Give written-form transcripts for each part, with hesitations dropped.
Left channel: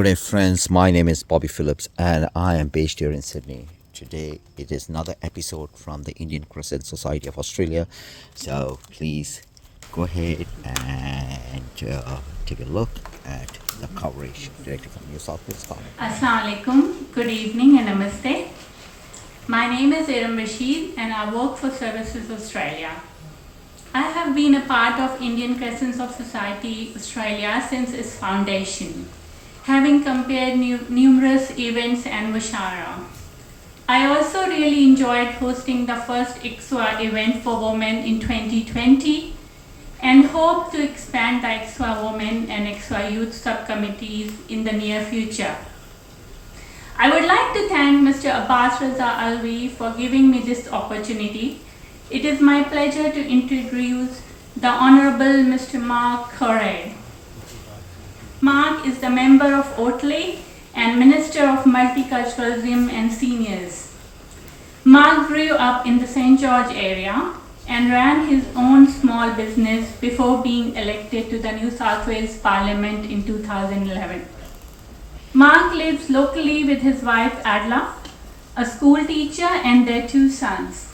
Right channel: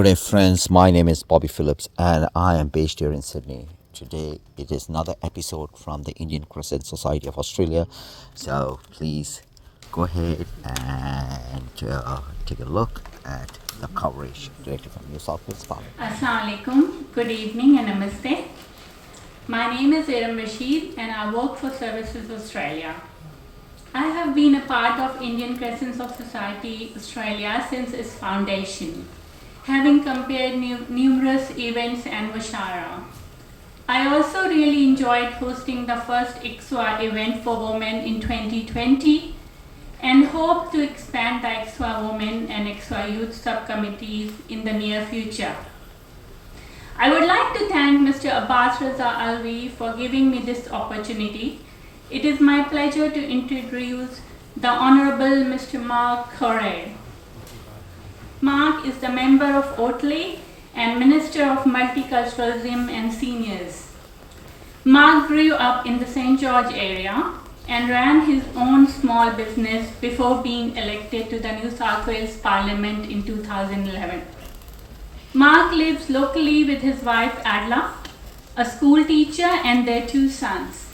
Good day, friends. My name is Bobby Phillips and I am based here in Sydney. Today it is another episode from the Indian Crescent Society of Australia. So please go ahead and take a look at the coverage directly from New South Wales Parliament. Assalamu alaikum, good evening and namaste. My name is Iram Rashid and I work for Services Australia. I have been a part of Indian Crescent of Society Australia since its foundation, having compared numerous events and Mushara. I also really enjoyed hosting the first ICSOA event for women in 2020 and hope to expand the ICSOA Women and ICSOA Youth subcommittees in the near future. I would like to thank Mr. Abbas Raza Alvi for giving me this opportunity. It is my pleasure to introduce the Honourable Mr. Mark Coure. Mark is the member of Otley and Minister of Multiculturalism and Seniors. Mark grew up in the St. George area and ran his own small business before being elected to the New South Wales Parliament in 2011. Mark lives locally with his wife Adla, a school teacher, and their 2 sons.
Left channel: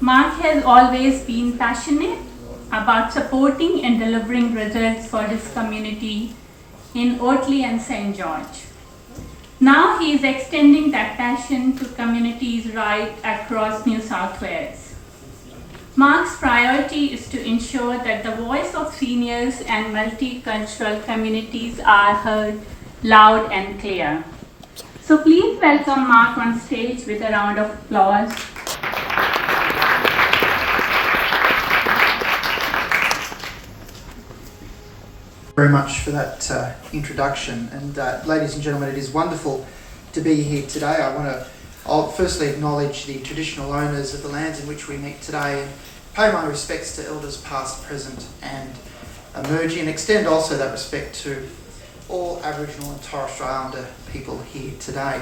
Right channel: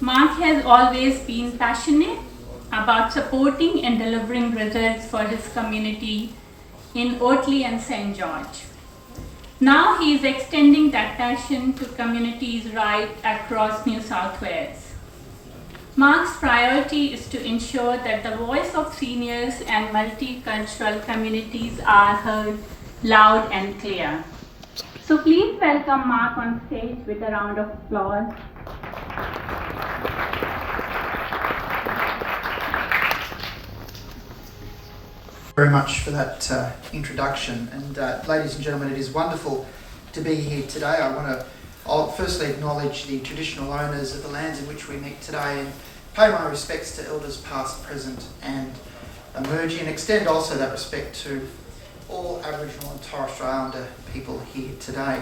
Mark has always been passionate about supporting and delivering results for his community in Otley and St. George. Now he is extending that passion to communities right across New South Wales. Mark's priority is to ensure that the voice of seniors and multicultural communities are heard loud and clear. So please welcome Mark on stage with a round of applause. Very much for that introduction, and ladies and gentlemen, it is wonderful to be here today. I'll firstly acknowledge the traditional owners of the lands in which we meet today and pay my respects to elders past, present and emerging, and extend also that respect to all Aboriginal and Torres Strait Islander people here today.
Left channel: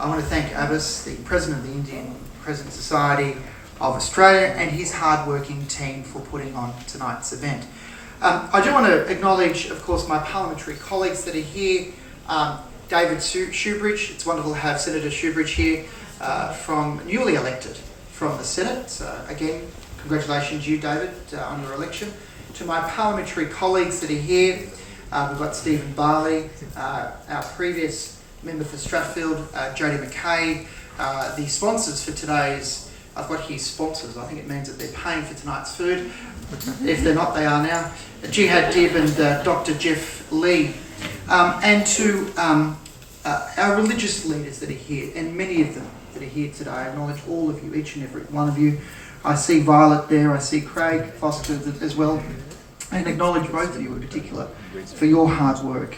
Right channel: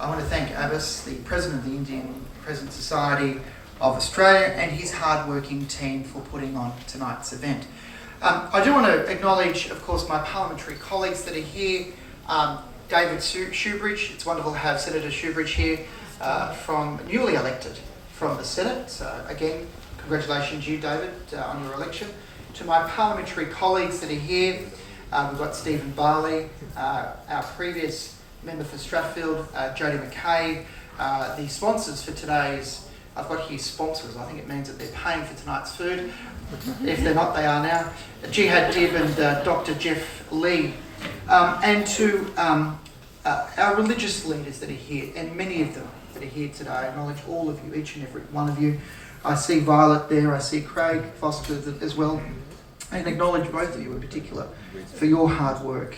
I want to thank Abbas, the President of the Indian Crescent Society of Australia, and his hard-working team for putting on tonight's event. I do want to acknowledge, of course, my parliamentary colleagues that are here. David Shoebridge, it's wonderful to have Senator Shoebridge here, newly elected from the Senate. So again, congratulations you, David, on your election. To my parliamentary colleagues that are here, we've got Stephen Barley, our previous member for Strathfield, Jodie McKay. The sponsors for today's, I've got here sponsors, I think it means that they're paying for tonight's food. If they're not, they are now. Jihad Dib and Dr. Jeff Lee. And to our religious leaders that are here, and many of them that are here today. I acknowledge all of you, each and every one of you. I see Violet there, I see Craig Foster as well, and acknowledge both of you in particular for your hard work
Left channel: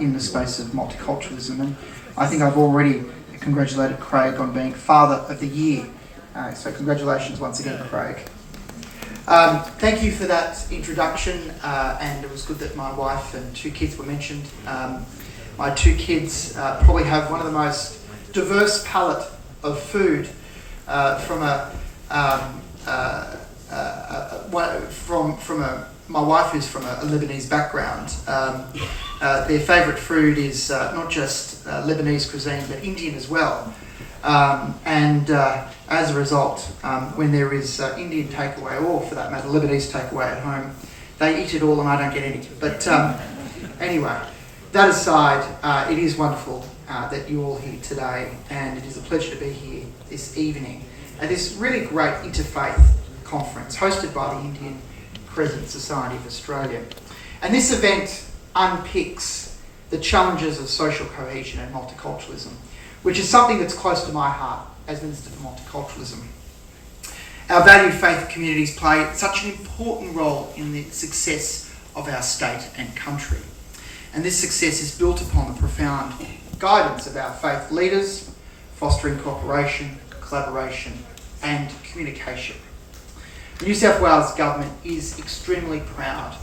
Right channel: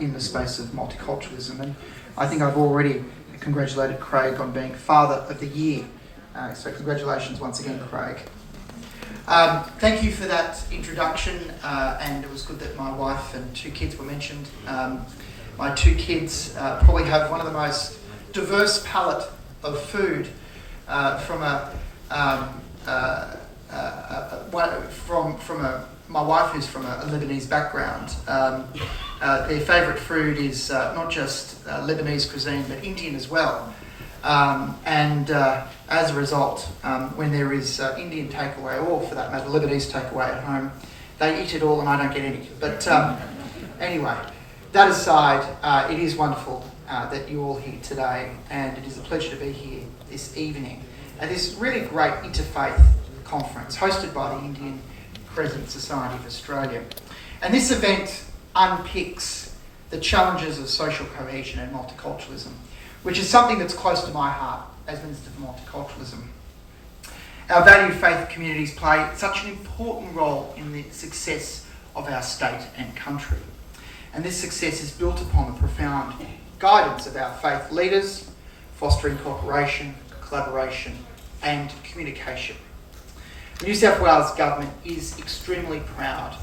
in the space of multiculturalism. And I think I've already congratulated Craig on being Father of the Year. So congratulations once again, Craig. Thank you for that introduction, and it was good that my wife and 2 kids were mentioned. My 2 kids probably have one of the most diverse palette of food my wife who's from a Lebanese background. Their favourite food is not just Lebanese cuisine but Indian as well. As a result, when there is Indian takeaway, or for that matter Lebanese takeaway at home, they eat it all and I don't get any. But anyway, that aside, it is wonderful that you're all here today, and it is a pleasure to be here this evening at this really great Interfaith conference hosted by the Indian Crescent Society of Australia. And this event unpicks the challenges of social cohesion and multiculturalism, which is something that's close to my heart as Minister for Multiculturalism. Our valued faith communities play such an important role in the success of our state and country. And this success is built upon the profound guidance of our faith leaders, fostering cooperation, collaboration and communication. The New South Wales Government is extremely proud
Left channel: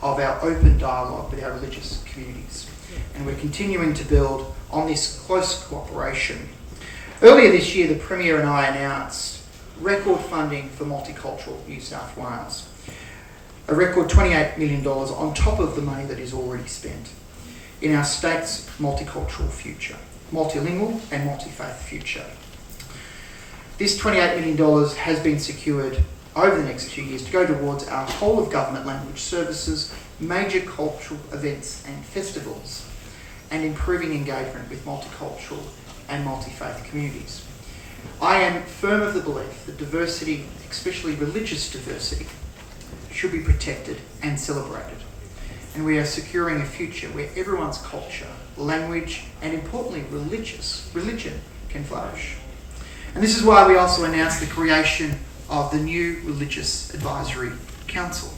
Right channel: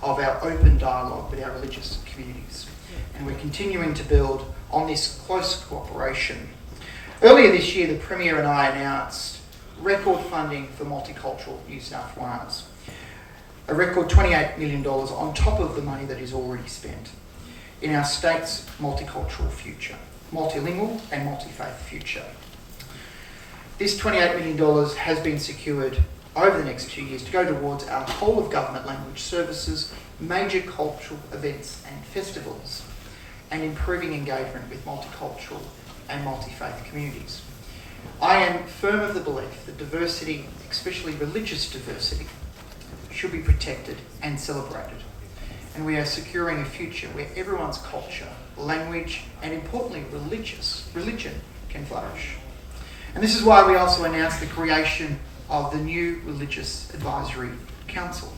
of our open dialogue with our religious communities, and we're continuing to build on this close cooperation. Earlier this year, the Premier and I announced record funding for Multicultural New South Wales, a record $28 million on top of the money that is already spent. in our state's multicultural future, multilingual and multi-faith future. This $28 million has been secured over the next 2 years to go towards our whole of government language services, major cultural events and festivals, and improving engagement with multicultural and multi-faith communities. I am firm of the belief that diversity, especially religious diversity, should be protected and celebrated. And we are securing a future where everyone's culture, language, and importantly religion can flourish. And this is why we also announced the creation of the new Religious Advisory Council.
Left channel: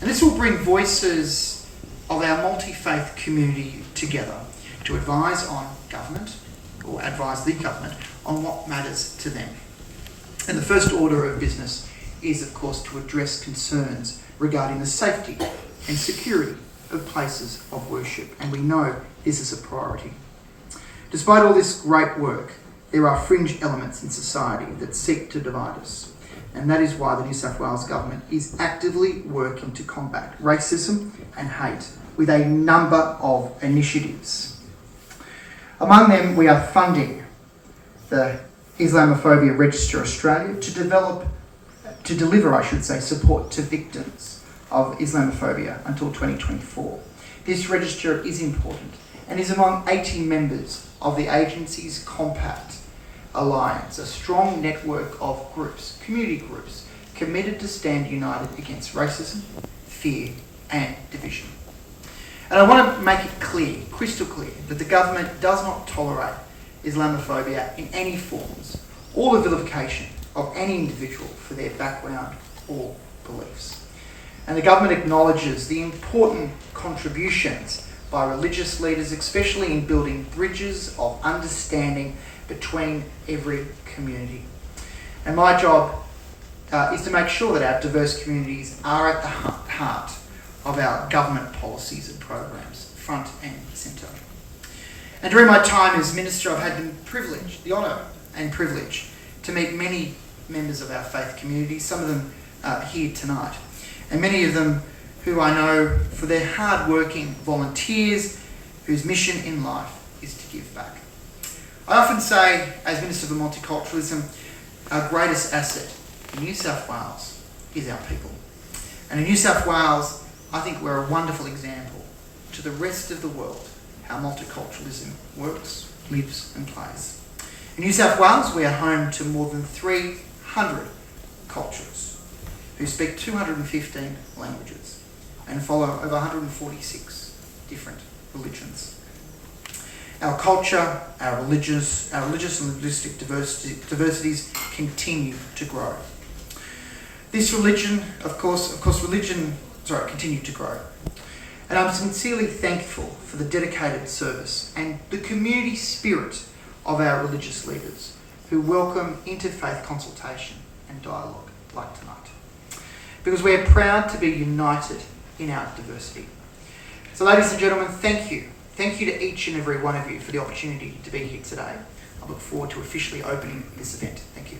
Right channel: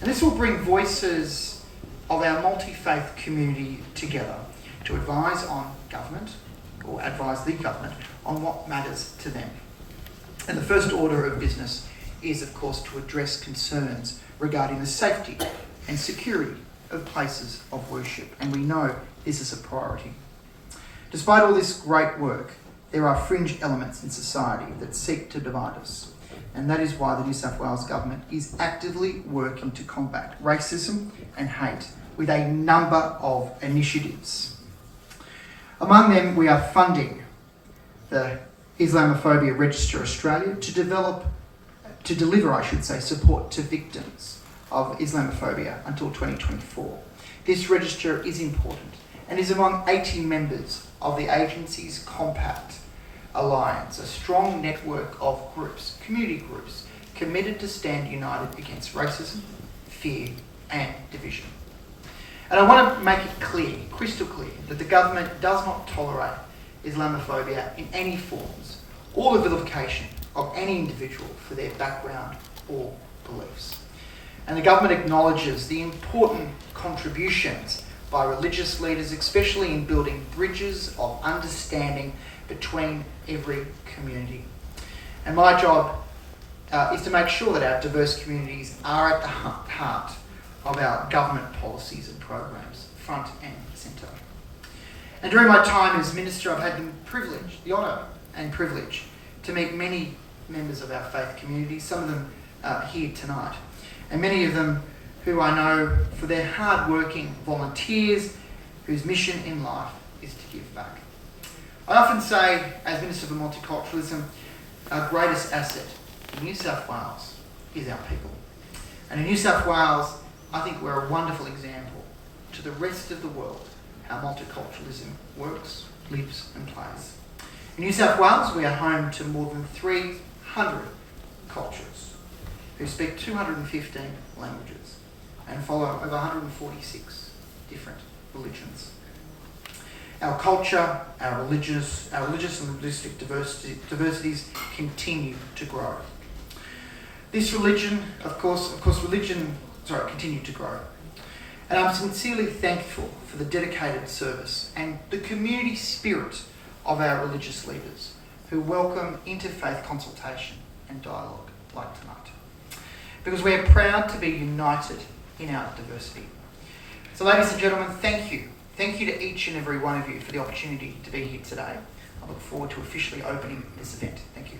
And this will bring voices of our multi-faith community together to advise on government, or advise the government, on what matters to them. And the first order of business is, of course, to address concerns regarding the safety and security of places of worship. And we know this is a priority. Despite all this great work, there are fringe elements in society that seek to divide us. And that is why the New South Wales Government is actively working to combat racism and hate with a number of initiatives. Among them, we are funding the Islamophobia Register Australia to deliver support to victims of Islamophobia until 2024. This register is important and is among 18 members of the agency's Compact Alliance, a strong network of groups, community groups, committed to stand united against racism, fear and division. And I want to make it clear, crystal clear, that the government does not tolerate Islamophobia in any forms or the vilification of any individual for their background or beliefs. And the government acknowledges the important contributions by religious leaders, especially in building bridges of understanding between every community. And my job is to make sure that our diverse communities are at the heart of our government policies and programs, front and centre. And during my time as Minister, I've had the honour and privilege to meet many members of our faith community, some of them here tonight, and many of them who I know for their hard-working volunteers whose mission in life is to give back. I often say, as Minister for Multiculturalism, our greatest asset in New South Wales is our people. And in New South Wales, I think we're a wonderful example to the rest of the world how multiculturalism works, lives and plays. In New South Wales, we are home to more than 300 cultures who speak 215 languages and follow over 146 different religions. Our culture, our religious and linguistic diversities continue to grow. This religion, continue to grow. And I'm sincerely thankful for the dedicated service and the community spirit of our religious leaders who welcome interfaith consultation and dialogue like tonight. Because we are proud to be united in our diversity. So ladies and gentlemen, thank you. Thank you to each and every one of you for the opportunity to be here today. I look forward to officially opening this event. Thank you.